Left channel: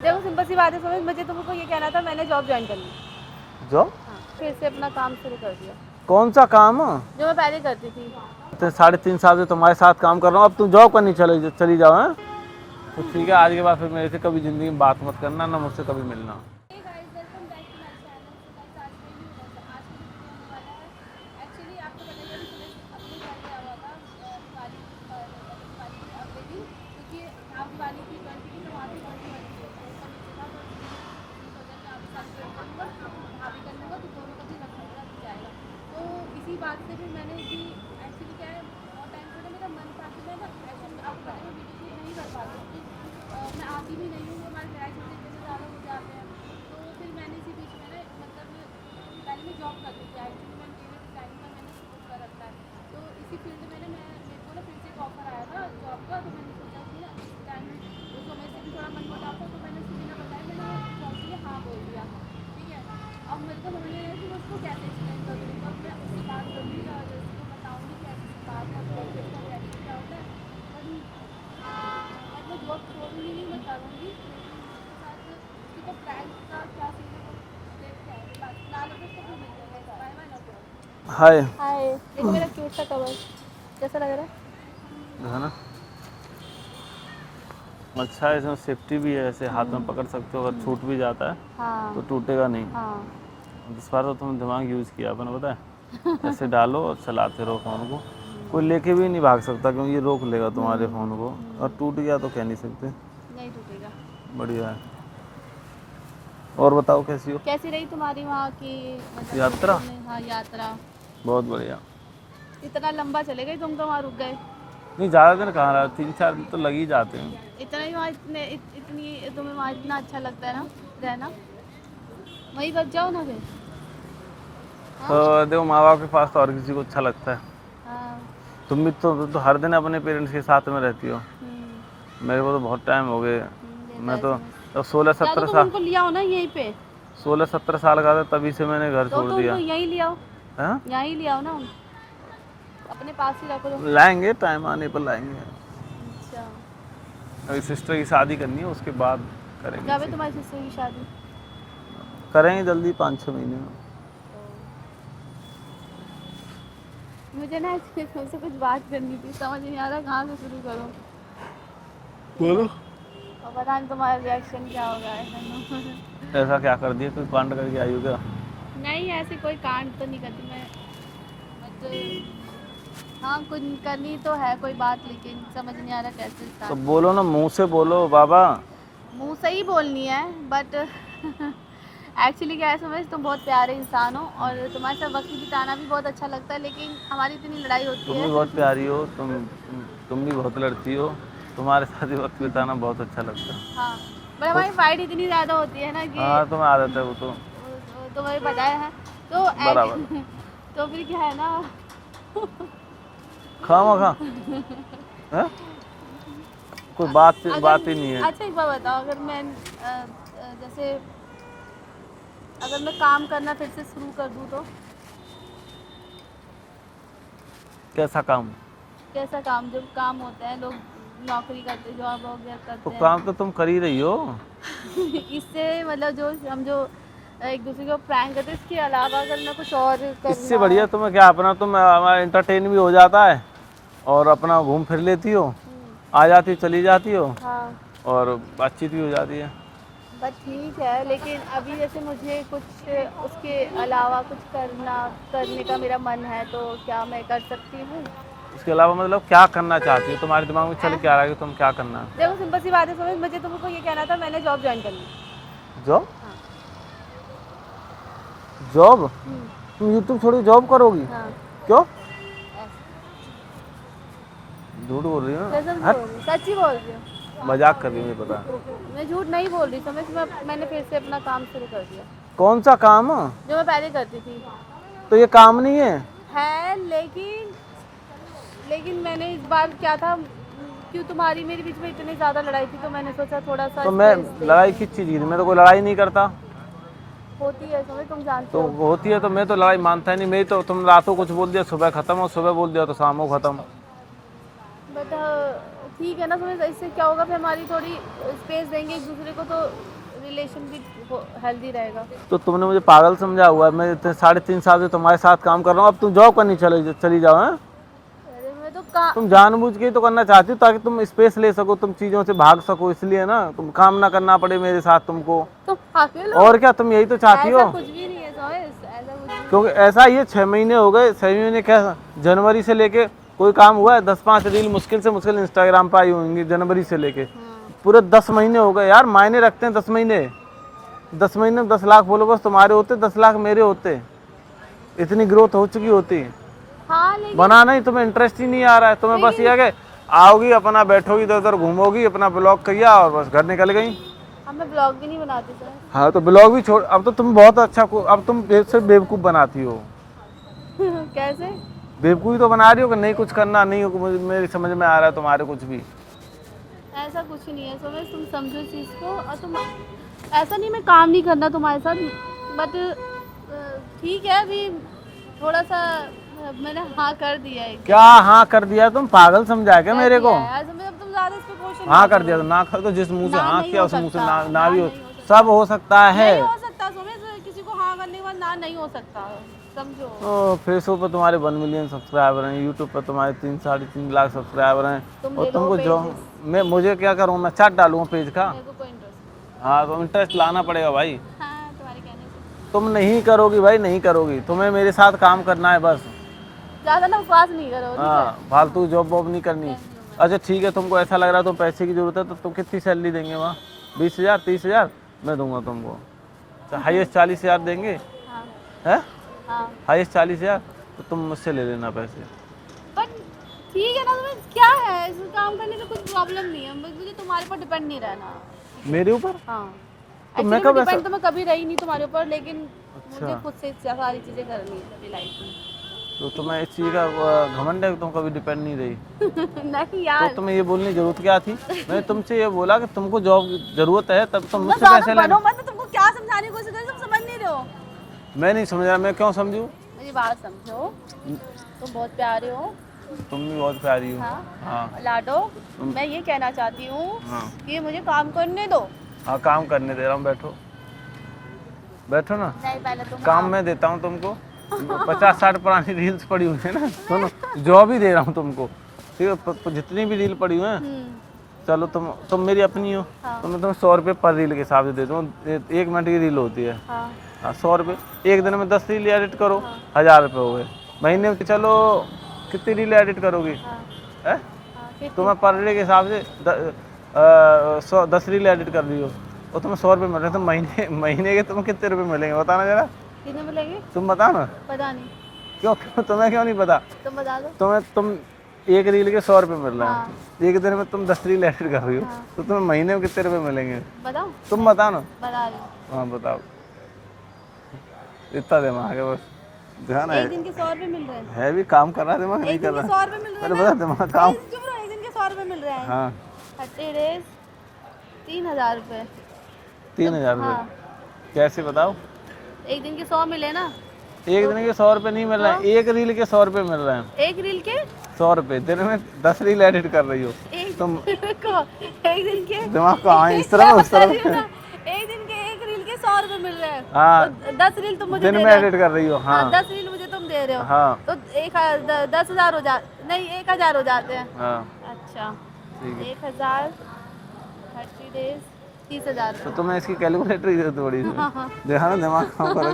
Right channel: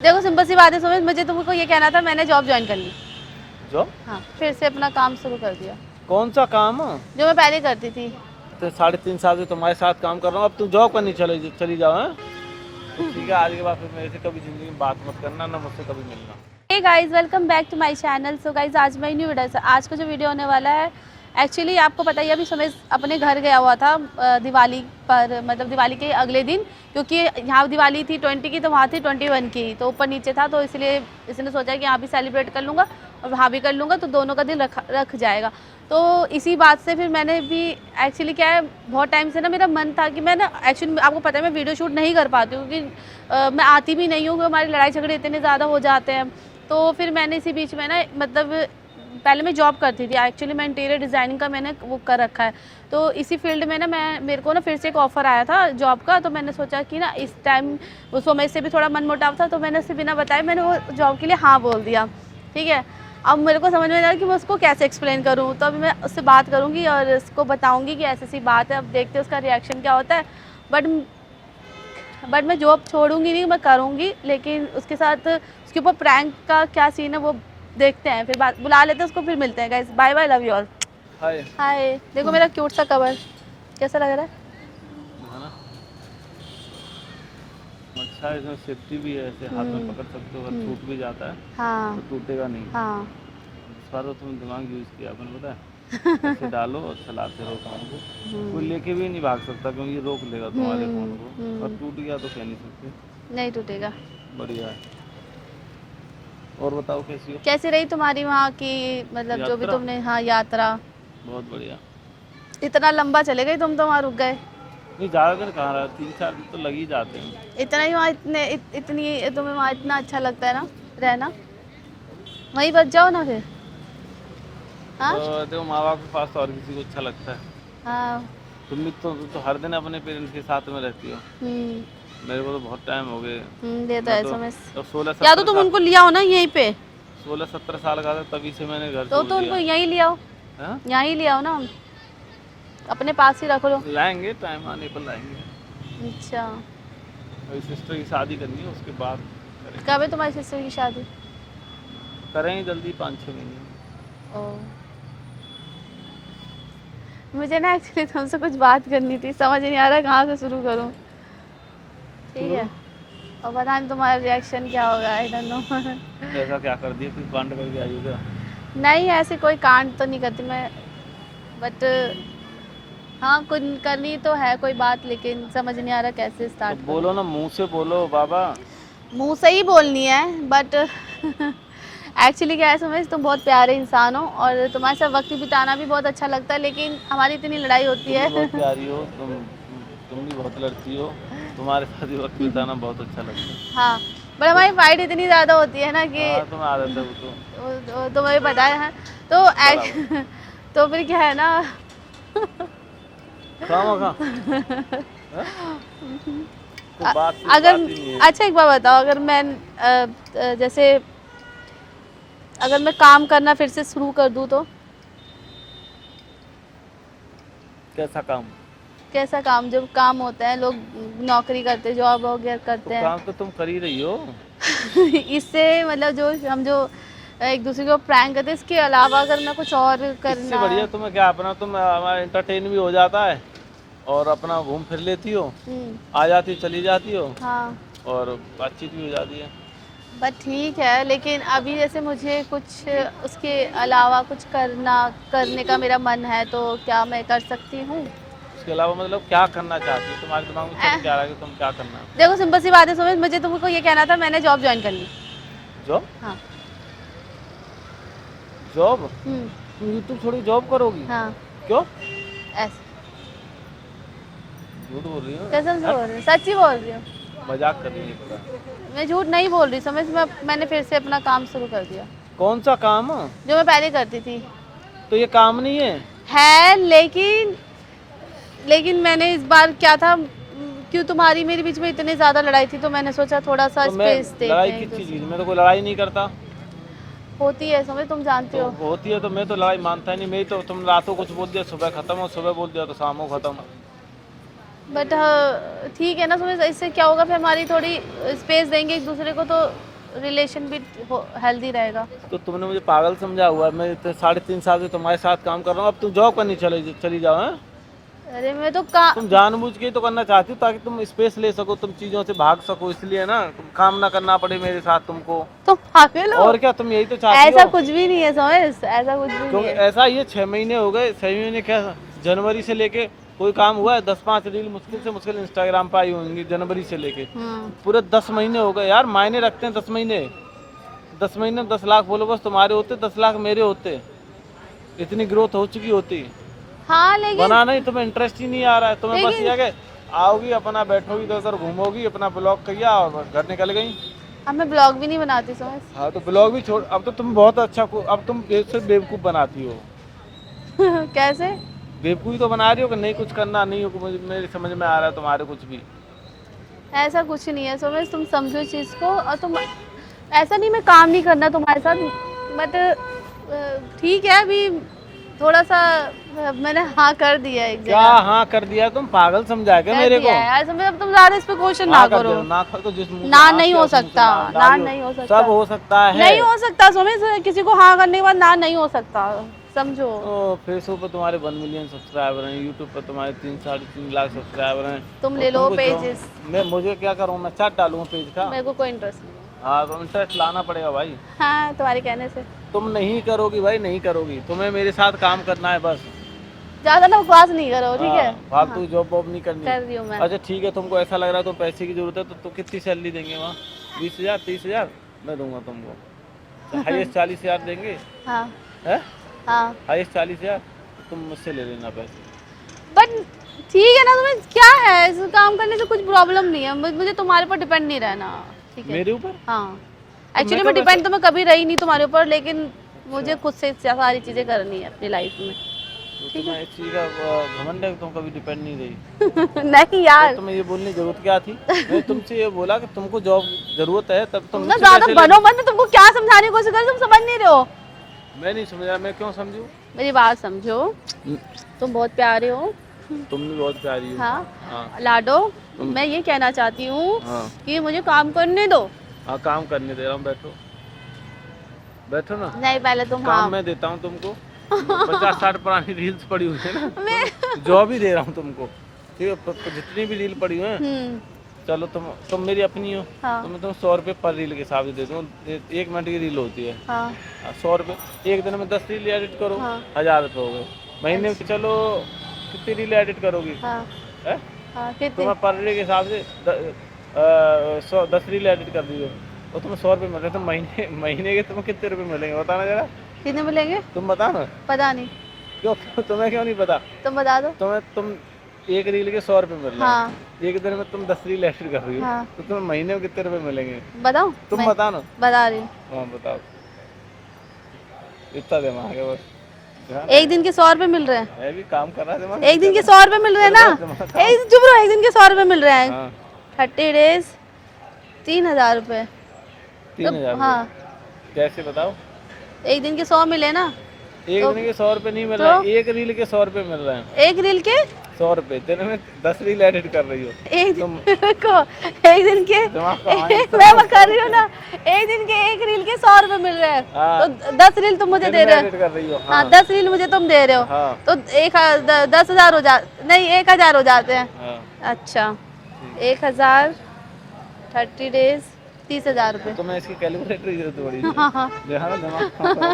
देखो सिंपल सी बात है सुमित, मुझे तुमको ये कहना था, मैंने जॉब ज्वाइन कर ली। जो हाँ, फिर से अपना काम शुरू कर दिया कौन सा काम? जो मैं पहले करती थी। तो 3.5 साल से तुम्हारे साथ काम कर रहा हूँ, अब तुम जॉब करनी चली जाओ। हैं तो ठीक है, आज के बाद फिर मेरे से कभी जिंदगी में बात मत करना, ना मुझसे कभी मिलना। Hey guys, welcome back to my channel. So guys, आज मैं न्यू वीडियो, आज का जो वीडियो होने वाला है, एक्चुअली आपको पता ही है, अभी सुमित अपने घर गया हुआ था दिवाली पर, मतलब दिवाली के अगले दिन, क्योंकि यहाँ दिवाली थी 20 की तो वहाँ थी 21 की, तो ऊपर नीचे था, तो इसलिए इसने सोचा कि यहाँ भी सेलिब्रेट कर लूँगा और वहाँ भी कर लूँगा, तो दोनों का दिन रख जाएगा। तो इसी बात से फिर मैंने भी, एक्चुअली क्या है, बहुत टाइम से ना मेरा मन था कि मैं ना, एक्चुअली आपको पता है मैं वीडियो शूट नहीं कर पाती हूँ, क्योंकि मैं आती भी नहीं हूँ, क्योंकि हमारी लड़ाई झगड़े इतने ज़्यादा हो जाते हैं। तो फिर मैंने इसी बीच में ना, मतलब पहले मैं जॉब करती थी, एक्चुअली मैं इंटीरियर डिज़ाइनिंग का मैंने वो कर रखा है, तो इसी फील्ड में ना मेरे को ना फिर से एक ऑफ़र आया था जॉब का, तो मैंने सोचा कि ना इस टाइम उसको मेरे से भी थोड़ा मन मुटाव था, तो मैंने उससे बिना बताए मैंने वो जॉब के लिए हाँ बोल दिया। ठीक है, अब मेरे को समझ में नहीं आ रहा कि मैं उसको कैसे एक्सप्लेन करूँ, तो अभी मैं उससे बात करूँगी और उसको बताऊँगी कि ऐसी ऐसी बात है, अब देखते हैं उसका रिएक्शन क्या होता है। बट मैं जॉब छोड़ूंगी नहीं, मैं करूँगी, लेकिन उसके साथ उसके ऊपर प्रैंक का क्या सीन है वो देखते हैं, फिर बात बुला लेते हैं उसको, फिर मिलते हैं guys. Bye bye, love you all. Hi. Hi, देखो मेरा क्यूट सा कवर कैसा लग रहा है ना, अच्छा है, इसमें सेफ्टी भी है, ऐसे हाथ में पकड़ सकते हो, अगर छूट भी जाता है हाँ तो टूटेगा नहीं। हाँ। इस बार तो तुमने दिमाग यूज़ किया अपना, पता है। ऐसे डालो और चलाते रहो फ़ोन को, कोई लेके भी नहीं भाग सकता, क्योंकि ये रोक लेगा तुम्हारे फ़ोन को, और टूट गया तो कह नहीं सकते। नहीं टूटेगा। बढ़िया है। और बताओ कैसी हो? कैसी रही तुम्हारी वहाँ की, मतलब जो भी यात्रा? तुमने, हाँ यात्रा। बहुत बढ़िया। इतना लंबा चले गए तुम तो, वहाँ रुक गए। नहीं, ज़्यादा दिन कहाँ रहा, 3-4 दिन तो लग ही जाते हैं। इतना ही वहाँ, इतनी तुम्हें वहाँ इतना अच्छा लगता है ना रहना, वहीं बच जाओ ना फिर। हाँ और देखो, माँ बाप के पास तो और किसी को अच्छा लगता है। हाँ। तुम भी तो हर दिन अपने पेरेंट्स के साथ में रहती हो। मेरे को तो बहुत टाइम हो गए। ये तो मैं है तो समझ। अब या तो तुम उनको लिया हो ना यहीं पे, 16-17 साल का था, तभी से मैंने घर तो छोड़ तुम दिया। यहीं ले आओ, हाँ? यहीं ले आओ ना, अपने पास ही रख लो। लाएंगे, टाइम आने पर लाएंगे। अच्छा, अभी सिस्टर की शादी करनी है, उसके बाद करेंगे। कब है तुम्हारी सिस्टर की शादी? करेंगे जल्दी, 5-6 महीने में। ओ, मुझे ना एक्चुअली तुमसे कुछ बात करनी थी, समझ नहीं आ रहा कहाँ से शुरू करूँ। ठीक है, और पता नहीं तुम्हारा रिएक्शन क्या होगा, आई डोंट नो। ऐसा क्या कर दिया, कोई कांड करके आई हो क्या? नहीं, ऐसे कोई कांड तो नहीं करती मैं, बट हाँ कुछ करनी तो है कोई बात, लेकिन समझ नहीं आ रहा कैसे तो स्टार्ट। बोलो ना, मुंह से बोलो बाबा। मुंह से ही बोलनी है, बट एक्चुअली क्या है समझ, तुम बहुत प्यारे इंसान हो और तुम्हारे साथ वक्त बिताना भी बहुत अच्छा लगता है, लेकिन हमारी इतनी लड़ाई होती तुम भी है। बहुत प्यारी हो, तुम भी बहुत लड़ती हो, तुम्हारे साथ ही वक्त बिताना बहुत अच्छा लगता है। हाँ, बट हमारी फाइट इतनी ज़्यादा होती है ना कि हाँ, तुम्हें आदत है वो तो। तुम्हें पता है, तो बराबर। तो फिर क्या है ना। खामा खा कोई बात ही नहीं है। अच्छा एक बात बताओ, अगर मैं जैसे अगर मैं काम करना फिर से शुरू कर दूँ तो? कैसा काम? कैसा काम? जब काम होता है, लोग नौकरी करते, जॉब वगैरह तो करते हैं। काम तो तुम कर ही रही हो। इससे मतलब जो हम जो एक दूसरे को प्रैंक करते हैं, इसके अलावा अगर मैं कुछ और करना। इससे बढ़िया तुम्हें क्या, अपना तुम हमारा एंटरटेन भी हो जाता है, और अपना घूम फिर लेती हो, आ जाती हो, चली जाती हो, हाँ, और बातचीत भी हो जाती है। बट ठीक है, लेकिन अभी जैसे मुझे कुछ उसके अलावा कुछ करने का मेरा मन है, तो क्या मैं कर सकती हूँ? उसके अलावा मतलब क्या करना चाहती हो, तुम्हारे दिमाग में चल क्या रहा है कि तुम क्या करना? देखो सिंपल सी बात है सुमित, मुझे तुमको ये कहना था, मैंने जॉब ज्वाइन कर ली। जो हाँ। जॉब? तुम यूट्यूब छोड़ के जॉब करोगी? हाँ, क्यों? ऐसे झूठ बोल रही हो? कसम से बोल रही हूँ, सच्ची बोल रही हूँ। मजाक कर रही है, पता। मैं झूठ नहीं बोल रही, समझ में, मैंने फिर से अपना काम शुरू कर दिया कौन सा काम? जो मैं पहले करती थी। तो ये काम नहीं है। लेकिन मैंने इस बार क्या था, क्यों तुम्हारी मेरे बीच में इतनी ज़्यादा लड़ाई थी, तो मैंने सोचा थोड़ा सा तो मैं स्पेस देते लड़ाई हैं किस एक चीज़ की थी? दूसरे मैं तो कोई लड़ाई नहीं करता। को। होती है समझ, तुम जानते तो हो। होती है तो मैं तो लड़ाई मानता ही नहीं। मेरी तो, तुम रातों कुछ बोल दिया सुबह खत्म, और सुबह बोल दिया तो शाम को खत्म। बट हाँ ठीक है ना, समझ, इससे क्या होगा, फिर हमारी थोड़ी स्पेस देंगे एक दूसरे को, तो रिलेशन भी हेल्दी रहेगा। तो तुमने मुझे पागल समझा हुआ है, मैं 3.5 साल से तुम्हारे साथ काम कर रहा हूँ, अब तुम जॉब करनी चली जाओ। हाँ, अरे मैं तो काम, तुम जानबूझ के ही तो करना चाहती हो ताकि तुम स्पेस ले सको, तुम चीजों से भाग सको, इसलिए ना, तुम काम ना करना पड़े मेरे साथ तुमको। तुम पागल हो? और क्या, तुम यही तो चाहती ऐसा हो। कुछ भी नहीं है सोमेश, ऐसा कुछ भी क्योंकि नहीं है। ऐसा ये 6 महीने हो गए, 6 महीने क्या, जनवरी से लेके कोई काम हुआ है? 10-5 रील मुश्किल से मुश्किल इंस्टाग्राम पर आई होंगी जनवरी से लेके, पूरे 10 महीने हो गए यार। मायने रखते हैं 10 महीने, 10 महीने में 10 लाख फॉलोवर्स तुम्हारे होते, 10 लाख मेरे होते, इतनी ग्रोथ हो चुकी होती। हाँ लेकिन बनाना ही तुम्हें इंटरेस्ट ही नहीं आ रहा है, तुम्हें बस ये है कि आओगी अपना बैठोगी इधर उधर घूमोगी, अपना ब्लॉग किया और बस घर निकल गई। अब मैं ब्लॉग भी नहीं बनाती सोमेश। हाँ तो ब्लॉग भी छोड़, अब तो तुम बहुत अच्छा अब तुम सिर्फ बेवकूफ़ बनाती हो। कैसे? बेवकूफ़ी तो बना रही हो कि नहीं कुछ करना नहीं हो, मेरी समझ में आ रहा है तुम्हारे कुछ भी। ऐसा कुछ नहीं है सोमेश, तुम समझो इस चीज़ को। और तुम ऐसा नहीं मैं काम नहीं करना तुम्हारे साथ, बट ठीक है अभी थोड़ा सा मैंने हाँ कर दिया है। क्या हाँ कर दिया? तुम पागल समझा क्या मेरे को? यार समझ, अब तुम ज्यादा इस पे क्वेश्चन ना हाँ कर करो। दिया, ना कर तो जिस मुंह से ना हाँ नहीं किया हो उस मुंह से सकता, ना भी नहीं हो सकता, सब हो सकता है। नहीं हो सकता सोमेश, किसी को हाँ करने के बाद ना नहीं हो सकता, समझो। फेसबुक पर तुम्हारे 1 मिलियन सब्सक्राइबर हैं, यूट्यूब पर तुम्हारे 3-3.5 लाख सब्सक्राइबर हैं। तुम और ले लो तुमको पेजेस, मैं मुझे क्या करूँ, मैं चार्ट डालूँ पेज का? मेरे को कोई इंटरेस्ट नहीं। हाँ तो इंटरेस्ट लाना पड़ेगा भाई। हाँ तुम्हारे कहने से। तुम नहीं करोगी भाई, नहीं करोगी, तुम्हें मेरे साथ काम करना है बस। ज्यादा ना बकवास नहीं करो, ठीक है? हाँ, फालतू जॉब वॉब नहीं करनी। कर रही हूँ मैं। अच्छा ठीक है, तुमको ऐसा लग रहा है तुम पैसे की जरूरत है तो तुम कितनी सैलरी देंगे वहाँ? 20,000 30,000 मैं दूंगा तुमको। हाईएस्ट 40,000 देंगे हाँ हैं? हाँ, हाईएस्ट 40,000, तो तुम मुझसे ले लेना पैसे। बट ठीक है ना, तुम्हें क्या है, इस काम करने से कुछ प्रॉब्लम नहीं है, मुझे तुम्हारे ऊपर डिपेंड नहीं रहना, ठीक है? मेरे ऊपर? हाँ एक्चुअली मैं कब डिपेंड तो मैं कभी रही नहीं तुम्हारे ऊपर, लेकिन मुझे खुद से सारी चीज़ें करनी है अपनी लाइफ में। तो तुम्हें इस चीज़ का घमंड है कि तुम कभी डिपेंड नहीं रही? नहीं यार, तो तुम्हें ये बोलने की जरूरत क्या थी? मैंने तुमसे ये बोला कि तुमको जॉब जरूरत है तब तुम तुम ना मुझसे ज्यादा पैसे बनो मत, मैं तुमको क्या समझाने की कोशिश कर रही हूँ, तुम समझ नहीं रहे हो। मैं नहीं समझ रहा, मैं क्यों समझूं? मेरी बात समझो, तुम बहुत प्यारे हो। तुम भी बहुत प्यारी हो। हाँ हाँ लाडो, मैं ये कहना चाहती हूँ हाँ कि मुझे काम करने दो। हाँ, काम करने दे रहा हूँ, बैठो बैठो ना। नहीं पहले तुम काम हाँ, मैं देता हूँ तुमको। 50-60 पुरानी रील्स पड़ी हुई है ना, जॉब ही दे रहा हूँ तुमको। ठीक है, जितनी भी रील पड़ी हुई है, चलो तुम मेरी अपनी हो, हाँ। तो मैं तुम्हें 100 रुपये पर रील के हिसाब से दे दूँ। 1 मिनट की रील होती है, हाँ 100 रुपये। एक दिन में 10 रील एडिट करो, हाँ। 1000 रुपये हो गए। महीने में चलो कितनी रील एडिट करोगी? हाँ हैं? हाँ, कितनी? तुम्हें पर डे के हिसाब से 10 रील एडिट कर रही हो, और तुम्हें 100 रुपये मिल रहे हैं, तो महीने के तुम्हें कितने रुपये मिलेंगे बताना जरा? कितने मिलेंगे? तुम बताओ ना। पता नहीं, क्यों तुम्हें क्यों नहीं पता? तुम बता दो। तुम एक रील के 100 रुपये मिल रहे हैं, हाँ एक दिन में तुम 10 रील एडिट कर रही हो, हाँ। तो तुम्हें महीने में कितने रुपये मिलेंगे? बताओ, तुम मैं बताओ ना। बता रही हूँ। हाँ बताओ, इतना दिमाग है बस, ध्यान एक दिन के 100 रुपये मिल रहे हैं, है भी काम कर रहा है दिमाग। एक दिन के 100 रुपये मिल रहे हैं ना, एक चुप रहो, एक दिन के 100 रुपये मिल रहे हैं। हाँ 30 डेज 3,000 रुपये। 3,000 हाँ कैसे बताओ? एक दिन के 100 मिले ना, एक दिन के 100 रुपये नहीं मिल रहे हैं, एक रील के 100 रुपये मिल रहे हैं। एक रील के 100 रुपये, दिन में 10 रील एडिट कर रही हो एक तुम। को एक दिन के दिमाग को हाँ, इस मैं तरह बता रही हूँ ना, एक दिन के एक रील के 100 रुपये मिल रहे हैं, हाँ। तो 10 रील तुम मुझे दिन दे में रहे एडिट हो। कर रही हो। हाँ हाँ 10 रील मुझे तुम दे रहे हो, हाँ तो 10,000 हो जा, नहीं 1,000 हो जाते हैं। हाँ अच्छा ठीक। 1,000 30 डेज 30,000 रुपये। तुम्हें इसकी कैलकुलेटर की थोड़ी सी हाँ हाँ देखा ना, दिमाग काम करो,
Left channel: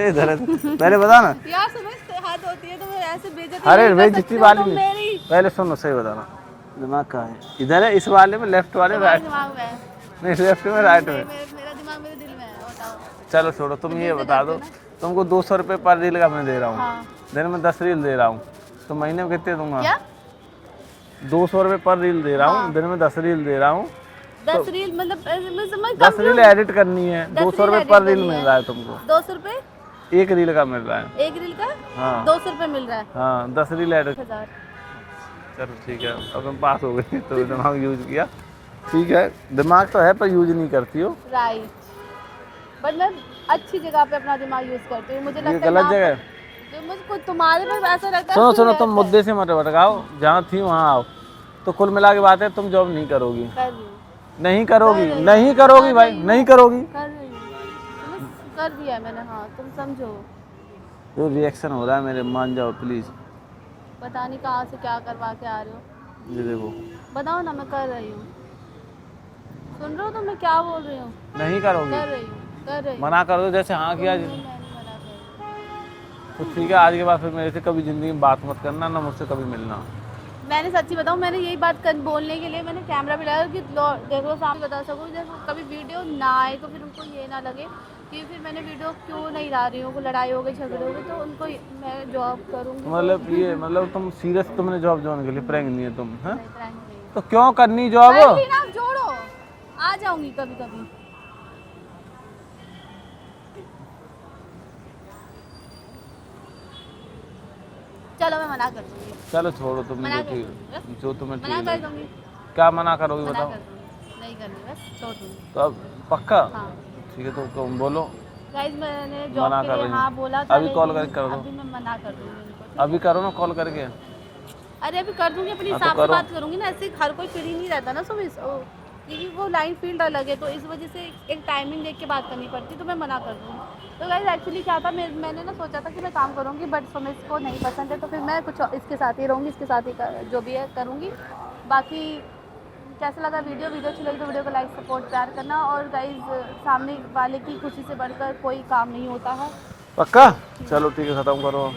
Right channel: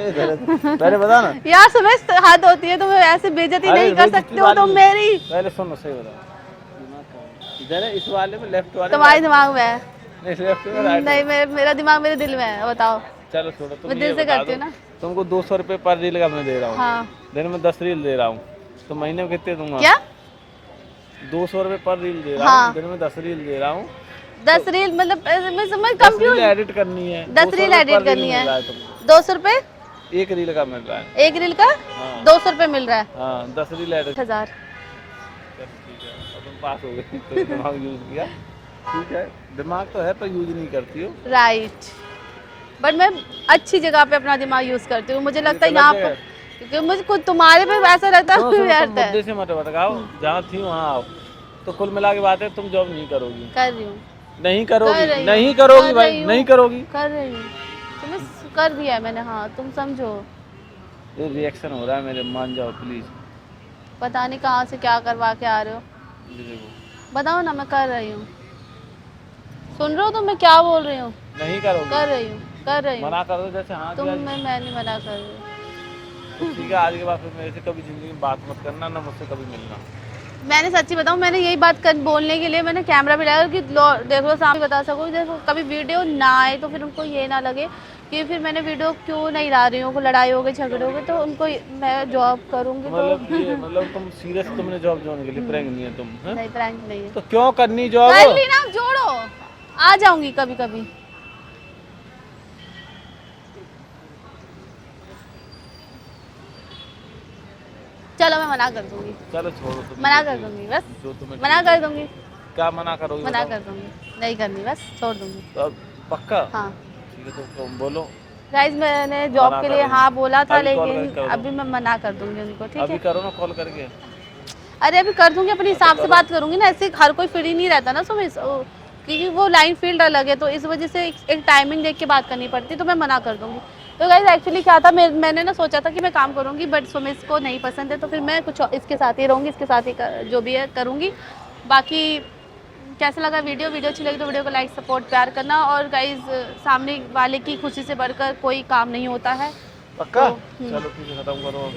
इधर पहले बता ना। यार समझ हद होती है, तुम ऐसे बेइज्जती अरे नहीं कर बेइज्जती सकते हो वाली तुम नहीं। मेरी। पहले सुनो, सही बताना, दिमाग कहाँ है? इधर है, इस वाले में, लेफ्ट वाले में? तुम्हारे दिमाग में है, नहीं लेफ्ट में, राइट नहीं में? मेरा दिमाग मेरे दिल में है, बताओ। चलो छोड़ो, तुम मैं ये दिल से बता करती दो, हूँ ना। तुमको 200 रुपये पर रील का मैं दे रहा हूँ, हाँ दिन में 10 रील दे रहा हूँ, तो महीने में कितने दूंगा? क्या? 200 रुपये पर रील दे रहा हाँ। हूँ, दिन में 10 रील दे रहा हूँ। 10 रील मतलब मैं समझ 10 रील एडिट करनी है, 10 200 रील रुपये edit पर रील करनी मिल है। रहा है तुमको, 200 रुपये एक रील का मिल रहा है। एक रील का हाँ 200 रुपये मिल रहा है। हाँ 10 रील एडिट। 1,000। चलो ठीक है, अब तुम पास हो गई, तो दिमाग यूज किया, ठीक है, दिमाग तो है पर यूज नहीं करती हो। राइट, बट मैं अच्छी जगह पे अपना दिमाग यूज करती हूँ, मुझे लगता है गलत यहाँ जगह पे, क्योंकि मुझे खुद तुम्हारे पे ऐसा रहता है। सुनो तुम रहता है। मुद्दे से मत भटकाओ, जहाँ थी वहाँ आओ। तो कुल मिला के बात है, तुम जॉब नहीं करोगी, कर रही हूँ। नहीं कर करोगी, रही हूँ, नहीं करोगी कर भाई, रही हूँ। नहीं करोगी। कर रही हूँ, तुम्हें कर दिया है मैंने, हाँ तुम समझो। ये रिएक्शन हो रहा है मेरे, मान जाओ प्लीज। पता नहीं कहाँ से क्या करवा के आ रहे हो, ये देखो, बताओ ना। मैं कर रही हूँ, सुन रहे हो तुम मैं क्या बोल रही हूँ? नहीं करोगी, कर रही हूँ, कर रही हूँ। मना कर दो जैसे हाँ किया। मैं नहीं मना कर रही। तो ठीक है, आज के बाद फिर मेरे से कभी जिंदगी में बात मत करना, ना मुझसे कभी मिलना। मैंने सच्ची बताऊँ, मैंने यही बात बोलने के लिए मैंने कैमरा भी लगाया कि देखो सामने बता सको, देखो कभी वीडियो ना आए तो फिर उनको ये ना लगे कि फिर मैंने वीडियो क्यों नहीं ला रही हूँ, को लड़ाई हो गई, झगड़े हो गए, तो उनको मैं जॉब करूँगी मतलब ये मतलब तुम सीरियस, तुमने जॉब ज्वाइन के लिए, प्रैंक नहीं है तुम, हैं? नहीं, प्रैंक नहीं है। तो क्यों करनी जॉब? कर ली ना, जोड़ो, आ जाऊंगी कभी कभी। चलो मैं मना कर दूंगी, चलो छोड़ो तुम, मना जो कर ठीक- दूंगी बस, जो तुम्हें मना ठीक कर लगे। दूंगी, क्या मना करोगी मना बताओ? कर दूंगी, नहीं करनी, बस छोड़ दूंगी। तो अब पक्का? हाँ ठीक है, तो तुम बोलो। गाइस, मैंने जॉब मना के कर लिए रही हाँ हूँ। बोला था, अभी कॉल लेकिन करके करो। अभी मैं मना कर दूंगी उनको, ठीक अभी है? करो ना कॉल करके। अरे अभी कर दूंगी, अपने हाँ, तो हिसाब से करो। बात करूंगी ना, ऐसे हर कोई फ्री नहीं रहता ना सुबह, क्योंकि वो लाइन फील्ड अलग है, तो इस वजह से एक टाइमिंग देख के बात करनी पड़ती है, तो मैं मना कर दूंगी। तो गाइस एक्चुअली क्या था, मैंने ना सोचा था कि मैं काम करूंगी, बट सुमित को नहीं पसंद है, तो फिर मैं कुछ इसके साथ ही रहूंगी, इसके साथ ही जो भी है करूंगी। बाकी कैसा लगा वीडियो अच्छी लगी तो वीडियो को लाइक, सपोर्ट, प्यार करना। और गाइस, सामने वाले की खुशी से बढ़कर कोई काम नहीं होता है। पक्का? चलो ठीक है, खत्म करो।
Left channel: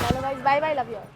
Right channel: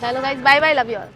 चलो guys, bye bye, love you all.